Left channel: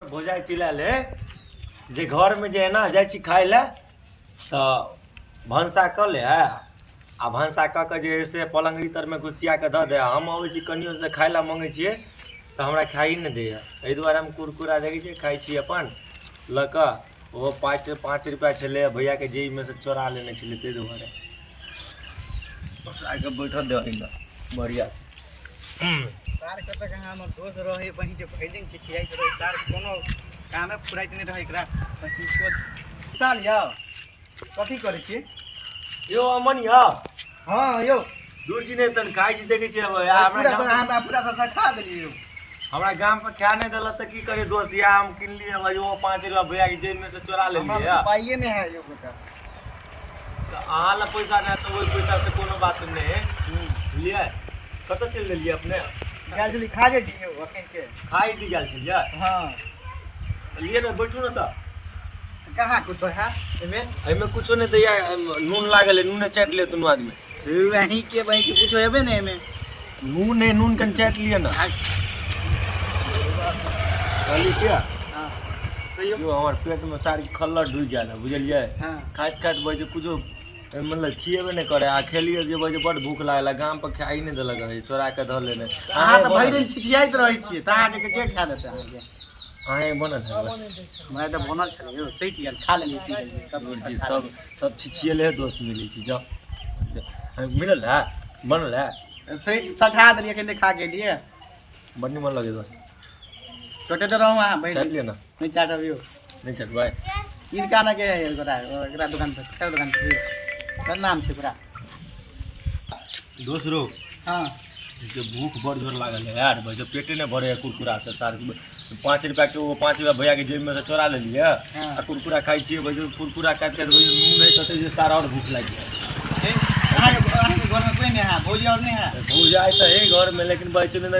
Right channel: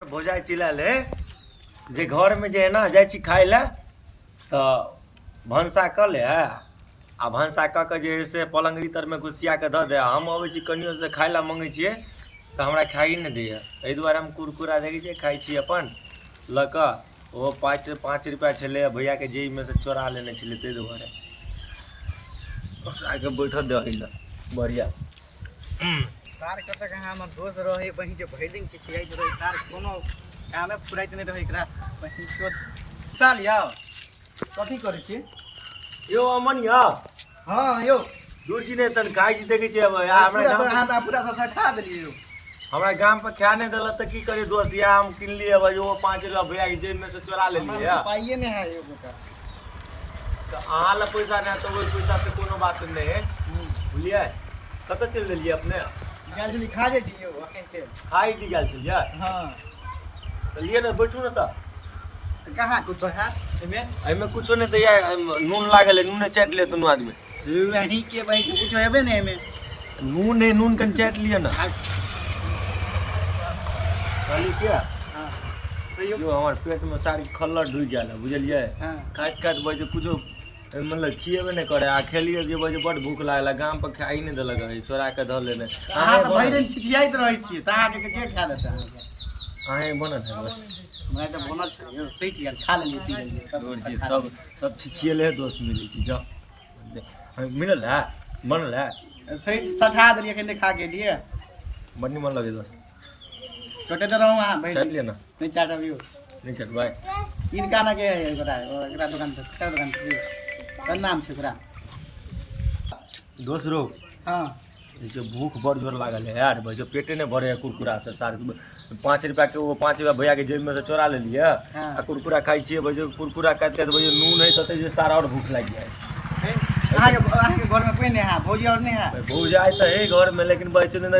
भोजाई चिल्लाले जे घर में जे है ना जाइ छी खाए ला तो भनसा क ले आ भनसा क के जे है से पलंगरी तर में घुसिया के द दे। हम अबै छी कनियो से खाए ला मांगे छिए तो हमरा खाई न दे। एहि दुआरे हम कुरकुरा देखै छी खाई छी अपन ल क ओ 5 रुपया छले भैया के जेब में से चोरा लेने छले ते दुआरे आके बैठल दे ल बढ़िया सार कत के हमर दोस्त रहे वही जे भैलिंग छै छियाइत रहे सार कोनो कामे फुराइत नहीं रहे एकरा वही छोड़ साल याओ कथि करे छी यो अमन या हां यो दूर जी ने तन खाई जी देखे छी हमरा पूरा सा सठा देलिए यो हमरा गांव पे खा नहीं दल त की करे दोस्त या हम किन लिए अब वो 5 रुपया भैया के जेब में से चोरा ले लिए पाइए नहीं है यो बेटा तो आहा ला पैसा नहीं तो वही पैसा से कोनो बात नहीं है बुझलिए कत चल लिए अपने गाल जल्दी खा जे दियो अखन के खाई दी गेल छै या हां तो लिए ना बैठू ना त कहां कुछ है एमे कुछो नहीं दैया नून लागल है नून चाट ले दोनों आदमी वही के कुछ हेबे नहीं एमे नून है नून कन चाट लिए ना कहली क्या हां यो हमर पेट में सारी खल्लर ढुक गेल बुझलिए हां खाइत खाइत बजे कुछो मतलब खिएबे नहीं करे आ खेलिए जे बजे बड़ भूख लागल गाम पर खाई नहीं देलक है चोरा के धर लेने हां तो भैरन छिछियाइत रहे छी त अहाँ के खा देते अहाँ के अहे बनल है बस मैं तो बनल छले यो सही गेल खा लेलिए पी लेलिए सब छिछिएले है दोस्त मिली छी जाओ मिलल है बनल है सही सठा देलिए कने खा के लिए बड़ निमन लगे दोस्त छोटे तो रहूं हां भाई चाट लिए ना नहीं चाटबियो नहीं चाट भाई इनका ना के है एकरा दुकान पे क्या दुकान पे का नाम छै पूरा दोस्त रो हां जो भूख बड़ जोर लागल है यार भाई जो पेटे ने भरे है कुरकुरा से सार 5 रुपया के वो 5 रुपया भैया के जेब में से चोरा ले लिए आ कुरकुरा खाई छिए भाई जो कुरकुरा खाते तो भाई नून है तो जे सारा और भूख लग गया अहाँ के घर में कोई नहीं है भौजी और नहीं है भौजाई तो है घर में लेकिन बच्चे ने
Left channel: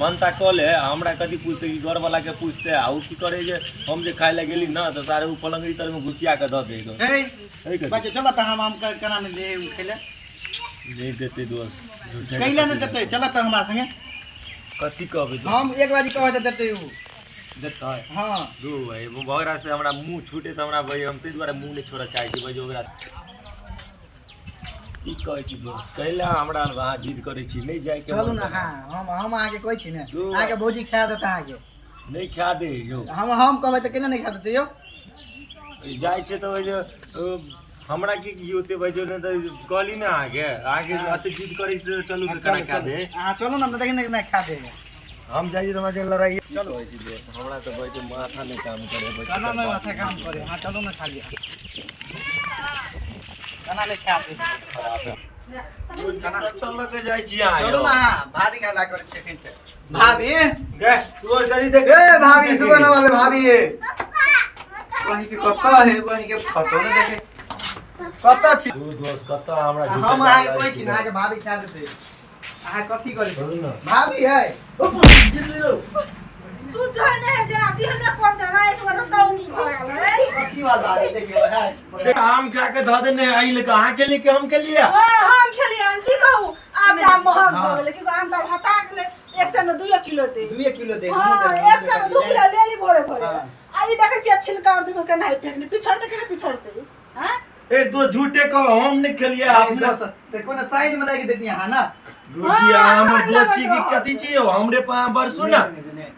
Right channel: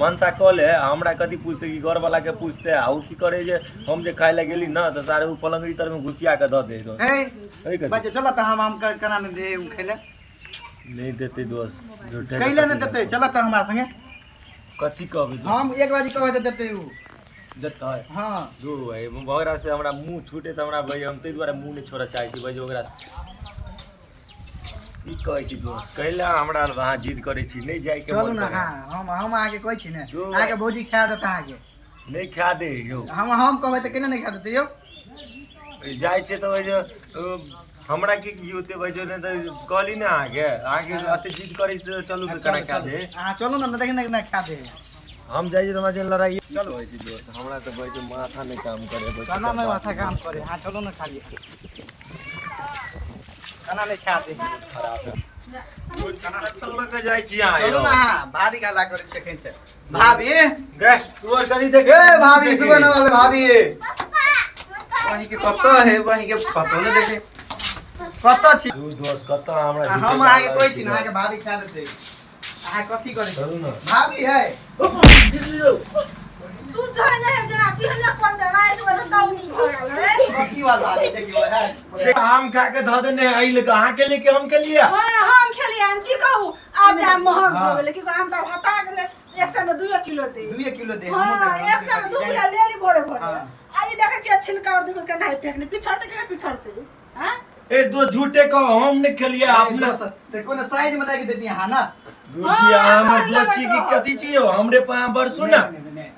भनसा कल है हमरा कथी पूछते कि घर वाला के पूछते आ उ की करे जे हम जे खाए ला गेली ना तो सारे उ पलंगरी तर में घुसिया के द देगो ए बच्चे चला त हम कना नहीं दे उ खैले नहीं देते दोस्त झूठे कैले नहीं देते चला त हमरा संगे कथी कहबे हम एक बारी कहै त देते उ देता है हां दू भाई भगरा से हमरा मुंह छूटे त हमरा भाई हम ते द्वारा मुंह नहीं छोड़ा चाहे छी भाई ओकरा की कहै छी दोस्त कैला हमरा वहां जिद करै छी नहीं जाय के चलू ना हां हम आके कहै छी ने आके भौजी खा देता आके नहीं खा दे यो हम कहबै त केना नहीं खा देते यो जाय छै त जो हमरा की होते भाई जो ने त कहली ना आगे अते जिद करै छी चलू के कना खा दे हां चलू ना देख ना खा दे हम जाई तो मजे लड़ाई चलो भाई जी दोस्त हमरा तो भाई माथा नहीं काम करे भाई कना में माथा काम करे हां चलो ना खा लिया कना नहीं खा दे खराब है तो लग जाई छी यहां चलो ना हां भाभी का ला कर सेकंड से भाभी गे तू और गली देख ए भाभी सुगन वाले भाभी वही के कत है वही के पतो नहीं देखे कत छी तू दोस्त कत हमरा हम आके कोई छी ना आके भाभी खा देते आ कथि करे चलू ना भाभी है तू जाने है जरा दिहने कर देना एक बार दौनी भगल है कथि वाला है देखियो है आम खा के ध देने आई ले कहां के लिए हम के लिए हम खेली हम की कहूं आम दा महग हो गेले कि आम दा हटा गेले 100 में 2 किलो दे 2 किलो दे हां 100 में 2 किलो ले ली भोरे भोरे आई देखे छी छिलका और देखो के नहीं फेंकने पिछड़ते के पिछड़ते हैं ए दो झूठे कहो हम नहीं खेलिए अपना ते कोन साइड में लागी देती हां ना गुरुजी हमर दोची की कथि छी हमरे पा बरसु ना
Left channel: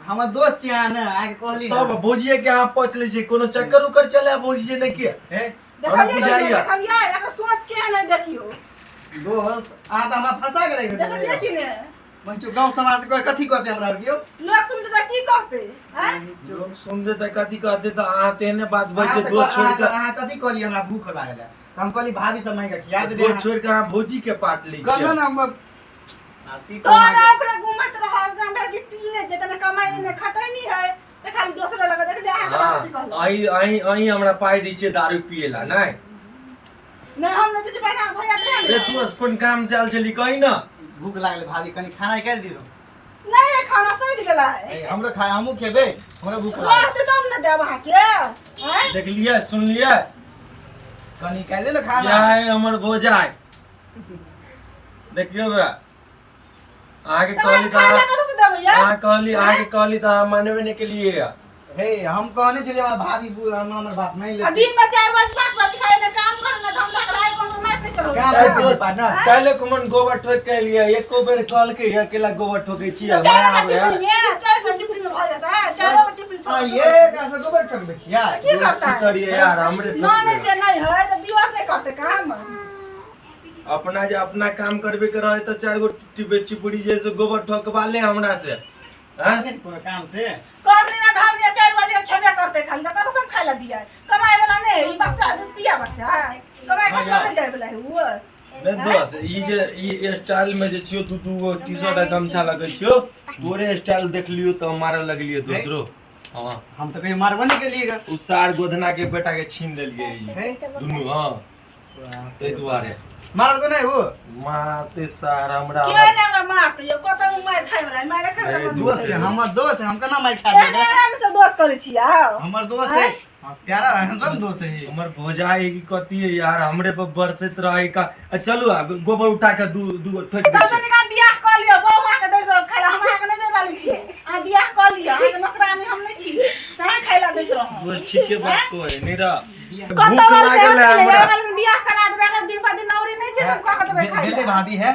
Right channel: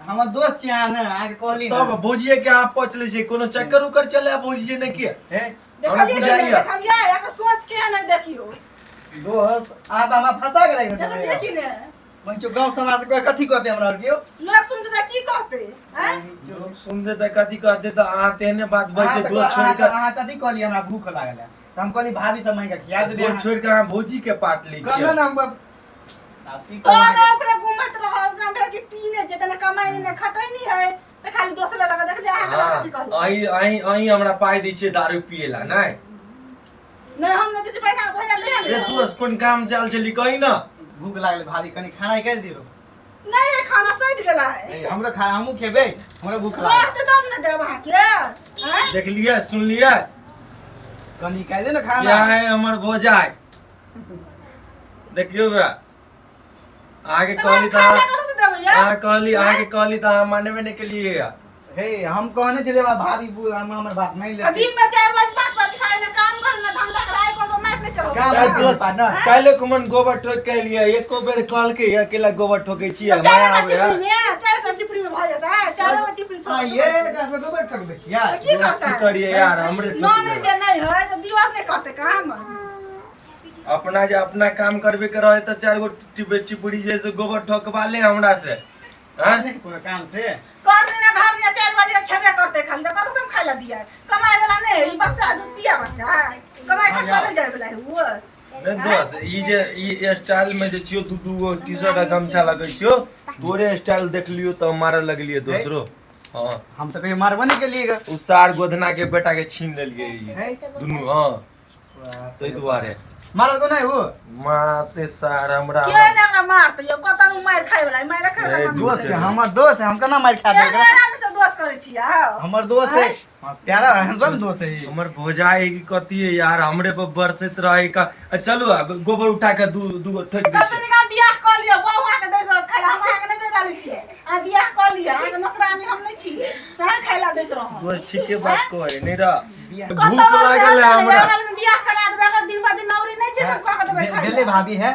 हमर दोस्त छी ना आके कहली तब भौजिए के यहां पहुंच ले छी कोनो चक्कर उकर चले भौजी ने के देखलिए एकर सोच के नहीं देखियो दोस्त आ त हमरा फंसा गेलै देखलिए कि ने मंचो गांव समाज को कथि कहते हमरा और कियो लोग सुनते त की कहते हैं लोग सुनते त कथि कहते त आ तेने बात बचे दो छोड़ के हां कथि कहली हमरा भूख लागल हम कहली भाभी समय का खिया दे दो छोड़ के हां भौजी के पाट ली छी कहना ना तो ना ओकरा घुमत रहल जम कि पीने जतने कमाई ने खटै नहीं है त खाली दोसर लगा देख ले आके कथि कहल आई हमरा पाई दै छै दारू पिएला नहीं नहीं हम नहीं तुझे पैसा भैया दे ए तू कोन काम से आल चली कहि ना भूख लागल भाभी कनी खाना कर दिरो नहीं है खाना सहित गेला है हमरो खा हमहु खेबे हमरो भूख लागल बात तब न देबा के हैं देख लिया सुन लिया कनी कह दे ना खाना क्या है हमर भोजाई देखियो बे आगे कहली खाना कहां से देबे कहली आगे कहली तो हम मानबे नहीं के लिए हे हम कहने चले भाभी हम हमर बात नहीं आ लेते दिन में 4 बजे 5 बजे खाए ना काम करना धम टकराए कोनो मार नहीं चलो काम अरे है दोस्त, पार्टनर काल्हि कुमन गोबर ठोक के लिए एको बेर कहल के अकेला गोबर ठोकै छी माया आबे चार का चिपड़ी में भ जाता है चारों का चिपड़ी हां छोड़ ये कैसे गोबर ठोक बेचिया की करता है करिए यार हमरे नॉन जे नहीं है तो दीवार नहीं करते काम अपना जे अपना काम करबे के रहे तो 4 गो चिपड़ी जैसे गोबर ठोकवा ले हमरा से हैं नहीं पूरा काम से कर देना घर में 4 बजे खेबे करते खाली तो कत सब खाइला दिया कमाए वाला नहीं ई बच्चा दूध पिया बच्चा है कमाए खा नहीं जाए वाला है वो नहीं दोस्त ई जे ई स्टाइल में जे छियो दू गो टी-शर्ट आ गमछा लगै छियो तोरे स्टाइल देख लियो तो मारे लगलिए दोसरो हां हम तो कहीं मारबो नहीं के लिए उ सार गोधना के बेटा के छीन लेलिए है ई दुनु हां तै दुआरे मारल को नहीं वो माते सार हमरा के ना एकरा मारते यो कत मार खाए वाला मार खाए वाला दोस्त है हमर दोस्त है हम केना मार खा देगा से दोस्त करे छी आओ हमर दोस्त है हां तेरा सब दोस्त है हमर भोजाई की कथी है यार हमरे पर बरसत रहे का चलू अब गोबर उठा के दू गो ठोक दे सब ने बियाह कर लियो बौआ के दे दो खाइला हम के नहीं दे वाली छी आ बियाह कर लियो नौकरानी हम नहीं छी सही खाइला देत रहो दोस्त ठीके बात कहे नहीं रा भूख लागल है हमरा बियाह करा देबे के दिन बाद नौरी नहीं छी सब का के देबे खाइला भेले भाभी है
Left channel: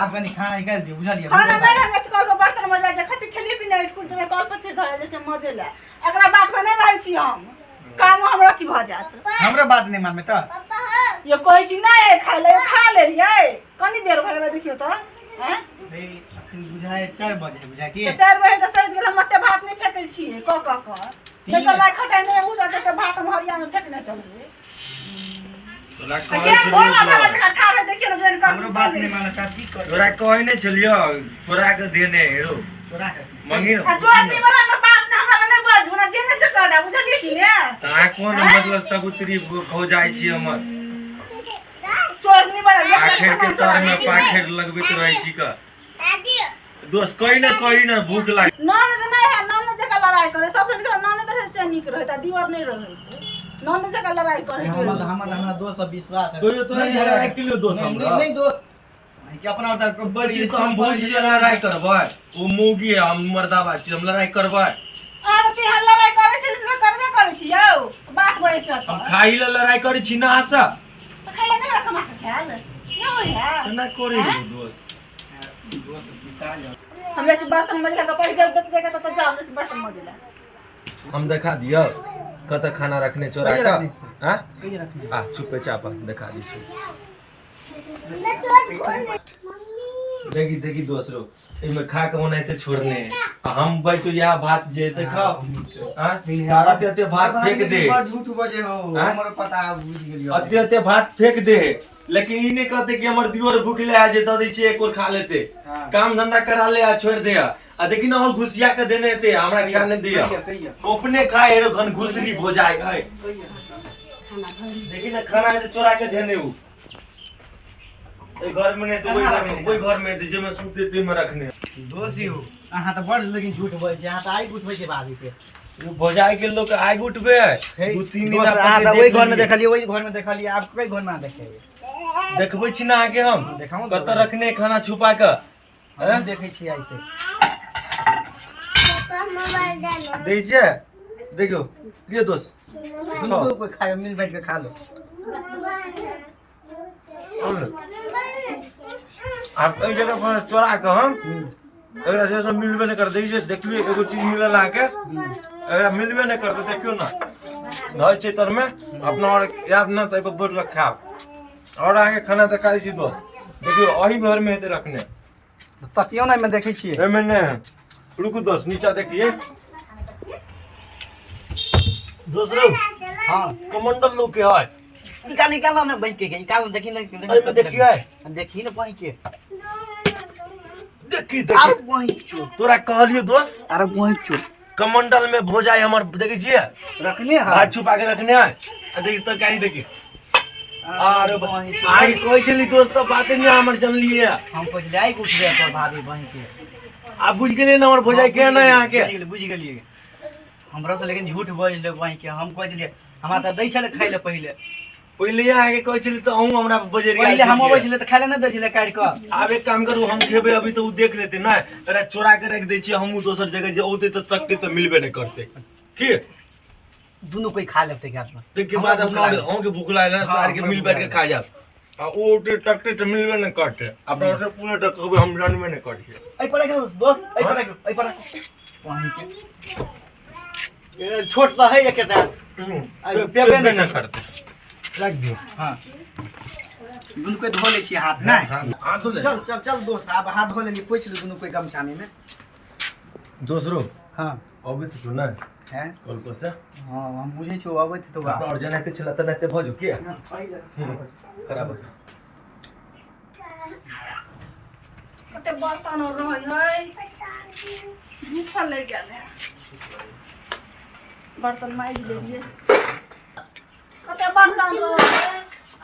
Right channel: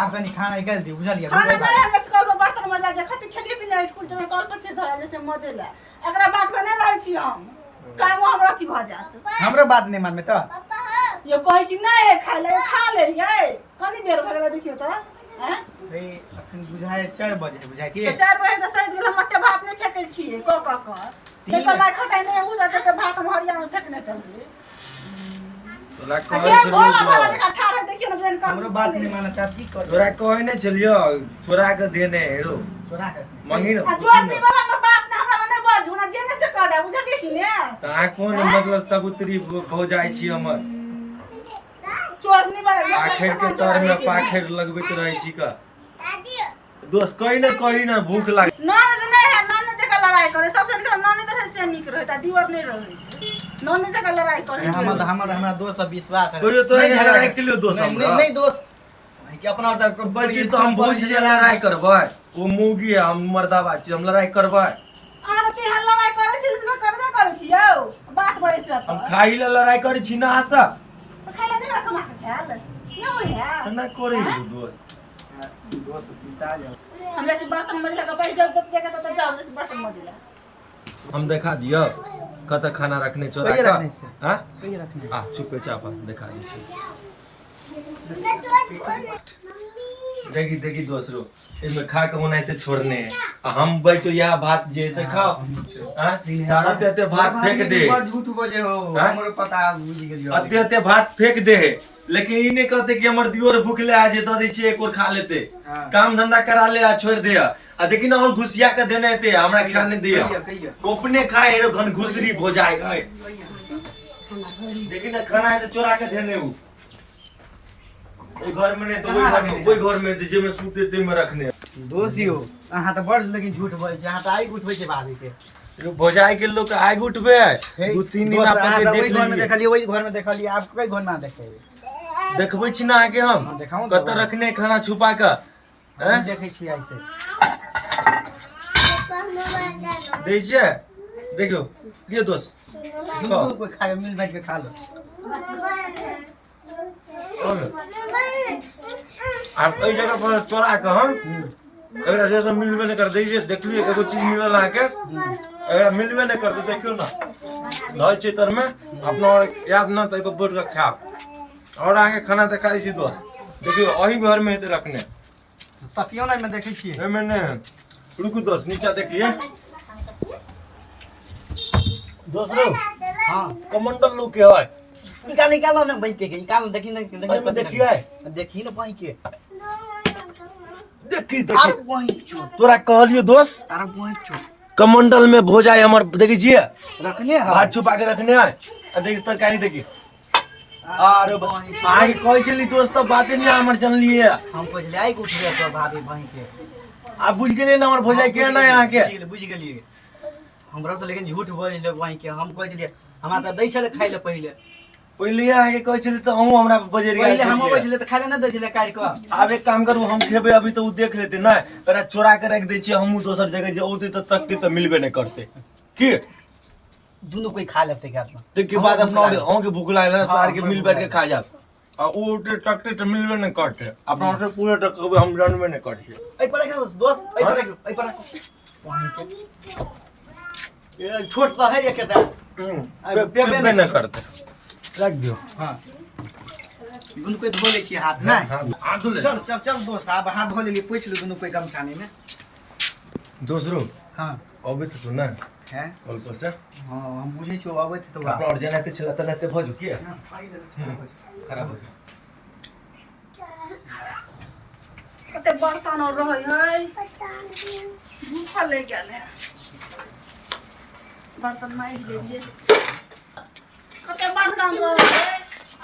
आप कनी खाना निकाल दियो बुझलिए खाना नहीं हम कल पर बर्तन में जाके खती खेली पीने स्कूल में कल पर छे धरे जैसे मजे ले एकरा बात में नहीं रहै छी हम काम हमरा छी भ जात हमरे बात नहीं मान में तो ये कहै छी नहीं खाइला खा ले रियै कनी बेर भ गेला देखियो त हैं रे अखन बुझाए 4 बजे बुझा के 4 बजे तो सहित गेल मते भात नहीं फेकै छी क ते कमाई खटाई नहीं हो जाते तो भात हम हरिया में फेकने चलिए तोरा के कहै बोला छलियो वाला जगह ठाड़ है देखियो ना बेन का हमरो बात नहीं मानता की कर तोरा कहै नहीं छलियो छोरा के देने हेरो छोरा है मंगी आ जोड़नी वाला ना बात ना हमरा नहीं बाजू ना जेने से कह दे बुझलिए कि ने ता कोन मतलब सबूतरी भौजाई छी हमर जोड़नी वाला आखिर के तर में पाखिर लगबैत रहै छी का दोस्त कहीं ना भूख लाग नॉन तो नहीं है नॉन जगह लड़ाई करे सबसे नॉन तो से निक रहता दीवार नहीं रहते नॉन जगह लड़ाई करे हमरा दोस्त पर विश्वास है कोई तो नहीं लड़ाई के लिए दोस्त हमरा नहीं दोस्त कि अपना उधर बच्ची तो हम भौजी से लड़ाई करबै वो मुगी है हम मर्दाबा छी हम लड़ाई करबै आर ती हम लड़ाई करे छी से करबे करे छी यौ बात बहे से हम खाई ले लड़ाई करै छी ना आशा खाइला नहीं कमा के खाल नहीं हो है केना करे दोस्त दोस्त पिता जो हम जैसे बर्तन मजला का पैसा जगह तो जाओ जैसे बर्तन मजला हम देखा दियो कत खाना रखने चोरा कहिए का रखने से? हां कहीं रखने आ चुपे चापा दिखा दी छी देखी दोस्तरो इमे खा के ओनाइते छोड़ने है आ हम बैठो यह भात जैसे खाओ हां सारा ते भात फेंक दे झूठ बजे हो हाँ? हमरो पता बुझ गेलियो अते भात फेंक दे लेकिन ई नहीं कहते कि हमर दियोर भूखले आ जे द दै छै एक और खा लेते हाँ। काम धंधा करा ले आ छोड़ दे आ देखी ना और घुसिया के देने थे हमरा खा नहीं दिया कहिए अपने खाए हेरो घन घुसरी हो जाए देखी ना खाना है तो चोरा के देने वो घर में नहीं तो कोई घर में जे में सूते ते में रखने दोषी हो अहाँ तो बड़ लेकिन झूठ बोले छी अहाँ तो आई उठबै छी भाभी के भोजाई के लोग आग उठबे दू तीन दिन अहाँ अपन वही देख घर में लिए देखलिए वही घर में देखलिए आप कई घर में ना देखेबे देखबै छी ना आके हम हाँ, देखाओ ना कत बाबा। रखने खाना छुपा के हम देखे छी ऐसे दै छै देखियो लियो दोस्त दुनू कोई खाए मिल बैठ के खा लो आप एई जगह पर चोरा के हम एकरा जैसा मिलबे नहीं कर दै छै देखलिए एगो चीज मिलल आके एकरा मिलबे नहीं करते देखियो ना धर छै तर में अपना और याद ना तै पर बैठ के खाओ और आगे खाना दिखा दै छी दोस्त देखियो अही घर में हेते रखने तकियो ना में देखै छी एमे ने रुकू दोस्त नीचा देखिए दोस्तरो हां कमंडल लोग के है निकाल निकाल ना बैठ के निकाल देखी ना एमे देखिए देखी ना वहीं के देखी अरे देखी वहीं चोर तोरा कहलियो दोस्त अरे वहीं चोर कमंडल में भोजाई हमर देखिए रखने हाथ छुपा के रखने है आ देखी तरकारी देखी अरे आगे कोई चली दोस्त तो बात नहीं हमर जन लिए हम कुछ लाई उठ रहे तो भाभी वहीं के आ बुझ गेलिए ना हमर भोजाई के ना यहाँ के बुझ गेलिए हमरा से लेकिन झूठ बोल ले वहीं के हम कहै छलिए हमरा त दै छले खाइ ले पहिले आगे कोई चली तो हम हमरा बजरिया पहिले हम अबै छले त खाइ ले न दै छले काट के अब एक काम करू हम खेबे अभी तो उ देख लेते ना अरे चोरा के रख दै छी हमहू दोसर जगह जे औते तो तकते तो मिलबे नहीं करते की दोनों कोई खा लेते क्या में तो के बाद हम के भूख लागल तो आर के मिल बैठ के खा जा आ ओ टकते तो मिलबे न करते अपना से पूरे टक हम जानबे न करते आई पड़ा क्या दोस्त आई पड़ा पानी के ये छोट सा है ये केटा पे न करते रख दियो हां दोनों कोई धो ले छी हाथ ना हाथ धो ले चल चल चल दोस्त अब हाथ धो ले ली पोछ ले दोनों कोई गमछाने में दूसरो हां अबे तो ना है कल पर से हां हम बुझे छो आबे तो अपना और जनाते चला तनाते भजो के खराब कते बर्तन रहे है भूख ले गेल है बर्तन माइज लेलिए कते बर्तन रहे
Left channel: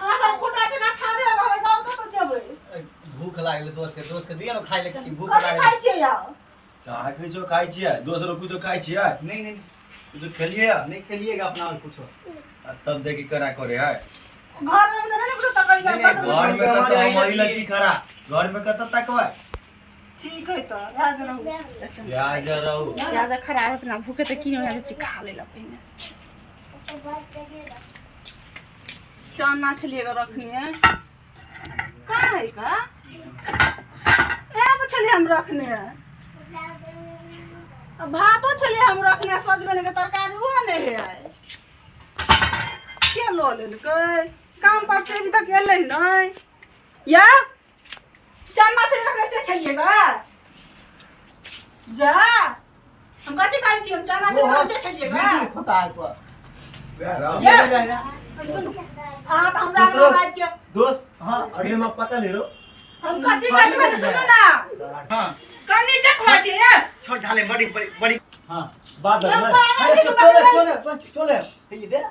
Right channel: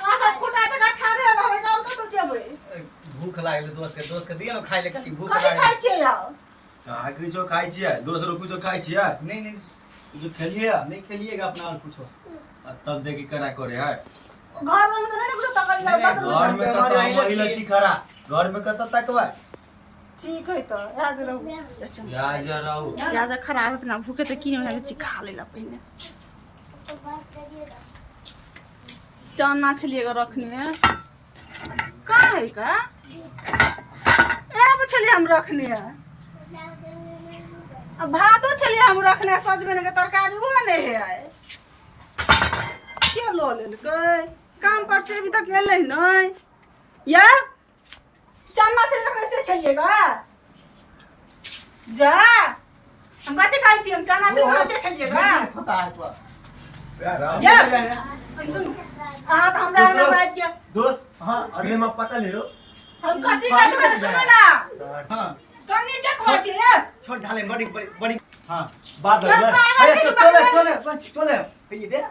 आ सब खुटा के ठाड़े रहे गांव कत जेबै भूख लागल दोस्त के दिया ना खाइ ले कनी भूख कथि लागल खाइ छियै यार का कुछो खाइ छियै दोसरो कुछो खाइ छियै नहीं नहीं कुछो खेलिए नहीं खेलिएगा अपना में कुछ तब देखी करा करे है घर में तो नहीं कुछ तकल नहीं, बर्तन घर में हमारे कत यहाँ हमारी लची खरा घर में कत तकबै ठीक है तो आज रहू प्याज रहू प्याज खरा रहत ना भूखे त किन आज ची खा लेला पहिने चना छलिए रखनी है कहाँ है का यहाँ पे छलिए हम रखने है अब भातो छलिए हम रखने सजबे के तरकारी वो नहीं है आए क्या लो लेलकै काम पर से अभी तक एलै नहीं या चना छलिए रखने से खेलिएगा जा हम कथी खाइ छी हम चना छलिए रखने से खेलिएगा होता है पर या सुन आ त हमरा दूसरो- ना बात के दोस्त हां अगले में पता ले लो हम कथी खाइ छी सुनो ना हां कनी चकवा छी ए छोड़ ढाले बड़ी बड़ी बड़ी हां बादल हम में पागल अरे छी कि चले बकवास? चले चले ये दे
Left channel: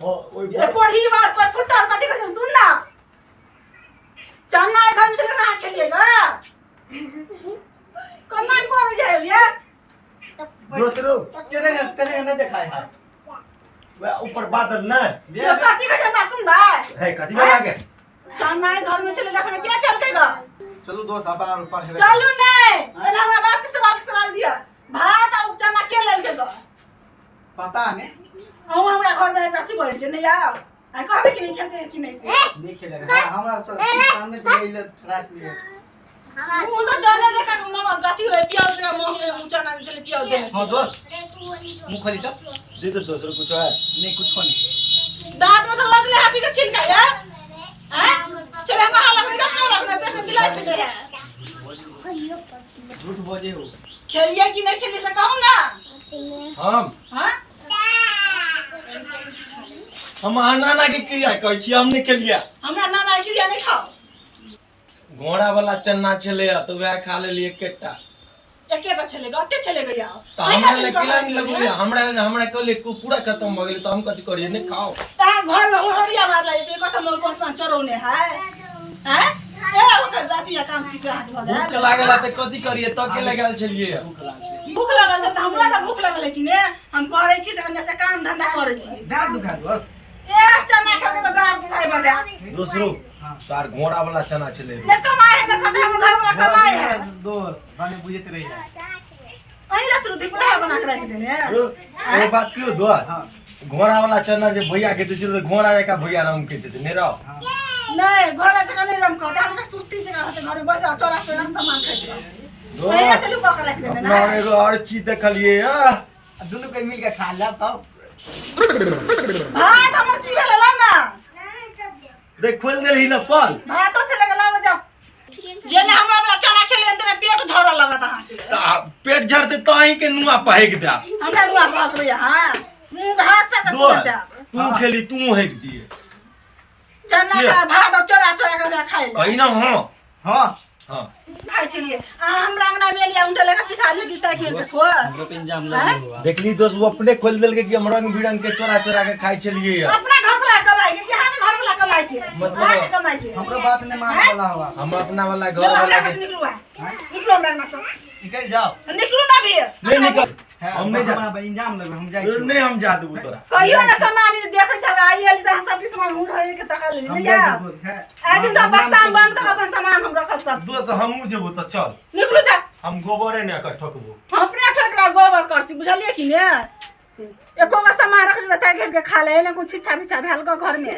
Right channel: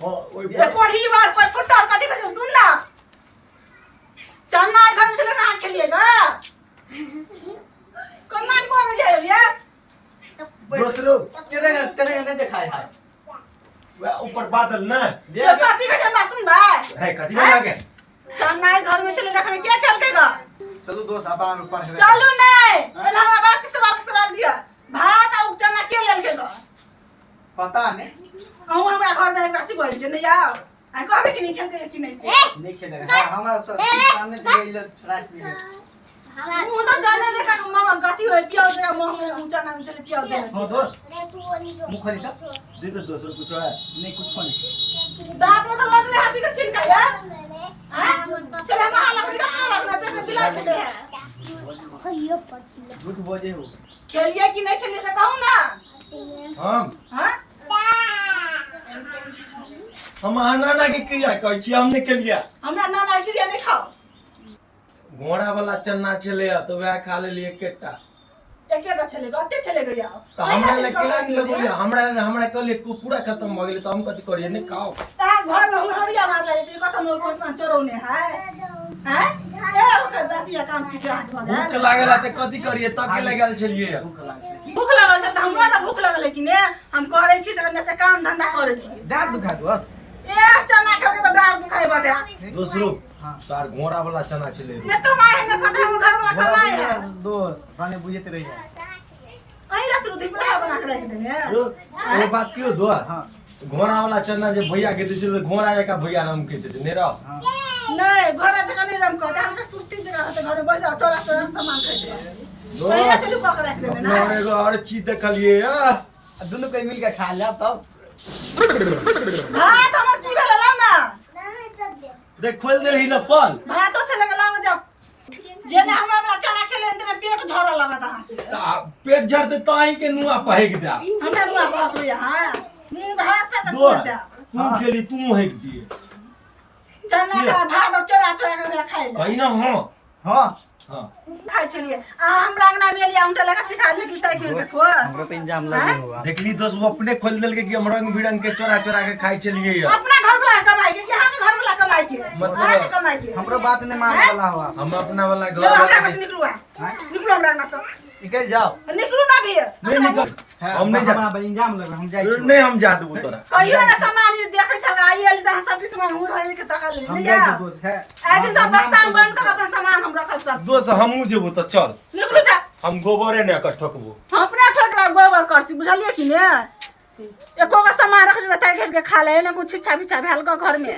ओ ओई ये कोढ़ी बार कोई फुटर कथी कहै छी सुन ना चना घर में चले ना खेलिएगा कमान पर जाए ये दूसरो तेरे तेरे नहीं दिखाए है वे ऊपर बादल ना ये कथी कहै छी सुन भाई है कथी में लागे चना घर में चले रखने क्या खेलकेगा चलो दोस्त अपना ऊपर से चलू नहीं पहले हमरा बात के सवाल दिया भात और चना के लेलकेगा पता नहीं अहूँ हमरा घर में गाछी बोल छै नहीं आओ आ कहबे कि नहीं खेलके कि नहीं से नहीं खेलेगा हां हमरा सामने से गई रात में मुंह तो जाने ले का मामा गति होय पियाव जगह मुंह के ऊंचा ना चले पियाव दे हां दोस्त मुंह खोली तो दे तो दूसरो कुछ है नहीं कुछ नहीं दांत में तो लगले हाथी के छिलका है हैं चले हम हां लगले का लगले पे से बिला खेले है झूठ बोले हो खेलिए कि नहीं खेलिए से कहूं ना हम हां हम नाना के क्रिया कहै छी हमने के लिया हमरा नाना के लिए नहीं खाओ घोड़ा वाला चन्ना छले तो वह खा लेलिए केटा एकेटा चलेगा अते चलेगा यार तो हमरा ले केला नहीं लगलिए हमरा कहले को पूरा खत्म भ गेल तो हम कथि करिए नहीं खाओ ता घर में होरिया मार लागे छै कत मोर कोन सान चोरौने है हैं ए ओकर दासिया काम सिखा हाथ भूख भगा लागल त कथि करिए त के लगल छलिए भूख लगल छै त हमरा त भूख लगल है कि ने हम करे छी से कने काम धंधा करे छी डांट दुखा दोस्त ए चना खा के त डार दुखाई बता दूसरो हां तार घोड़ा वाला चना छले ने कमाए ने खटा में घर वाला कमाए है दोस्त रानी बुझते रही है अही ला शुरू दिपला बना के रख देने ये बात क्यों दो हां घोड़ा वाला चना जे भैया के दै तो घोड़ा जका भैया नाम कहते थे नहीं रहो हां नहीं घर जगह नहीं रम कहता जगह सुस्ती जगह होते घर में बैठा चोरा चोरा सामान खाई दो अही ला से लुका के रख देने अपना ना एगो और चीज देखलिए दोनों कोई मिल के खा ले तब भात हमर की भेल लाउ ना देख खोल देलही न पल भातो से लगा लाओ जाओ जेने हमरा वाला चना खेले तेने पेट धरऽ लगत अहाँ के पेट झड़ते तो अहीं के नुआ पहेक दे हमरा दुआ पकड़ हां मुंह हाथ पे दो तक दे तू खेली तू हेक दिए चना का भात और चोरा चोरा के खाई ले कही ना हाँ हां हाँ खाई छलिए आ हमरा अंगना में लिया उनटे लगा सिखा दिए कि ताकि के खो हमरो पे इंजाम लगे हुआ देखली दोस्त वो अपने खोल दिल के कि हम रंग बिरंग के चोरा चोरा के खाई चलिए यार अपना घर वाला कमाई के यहाँ के घर वाला कमाई के मतलब- वहाँ के कमाई के हमरो बात ने मान वाला हुआ हम अपना वाला घर जब वाला हमरा के से निकलू है निकलो हमरा अंगना से निकल जाओ निकलू ना भी नहीं निकल हम नहीं जा अपना इंजाम लगे हम जाई नहीं हम जा दूँ तोरा कहियो ना सामान देखे छ आई एल दा सब सामान हुड़ होय के तका ले हम ले जाई जा दोस्त है आदि सब बक्सा में बंद कर अपन सामान हम रखब सब दोस्त हमहू जेबू तो चल निकलू जा हम गोबरे ने कर ठोकबू हम अपना ठोकला गोबर करसी बुझलिए कि ने एको का सामान रख देता है घेर के खा ले ना कुछ इच्छा बिच्छा भेल का घर में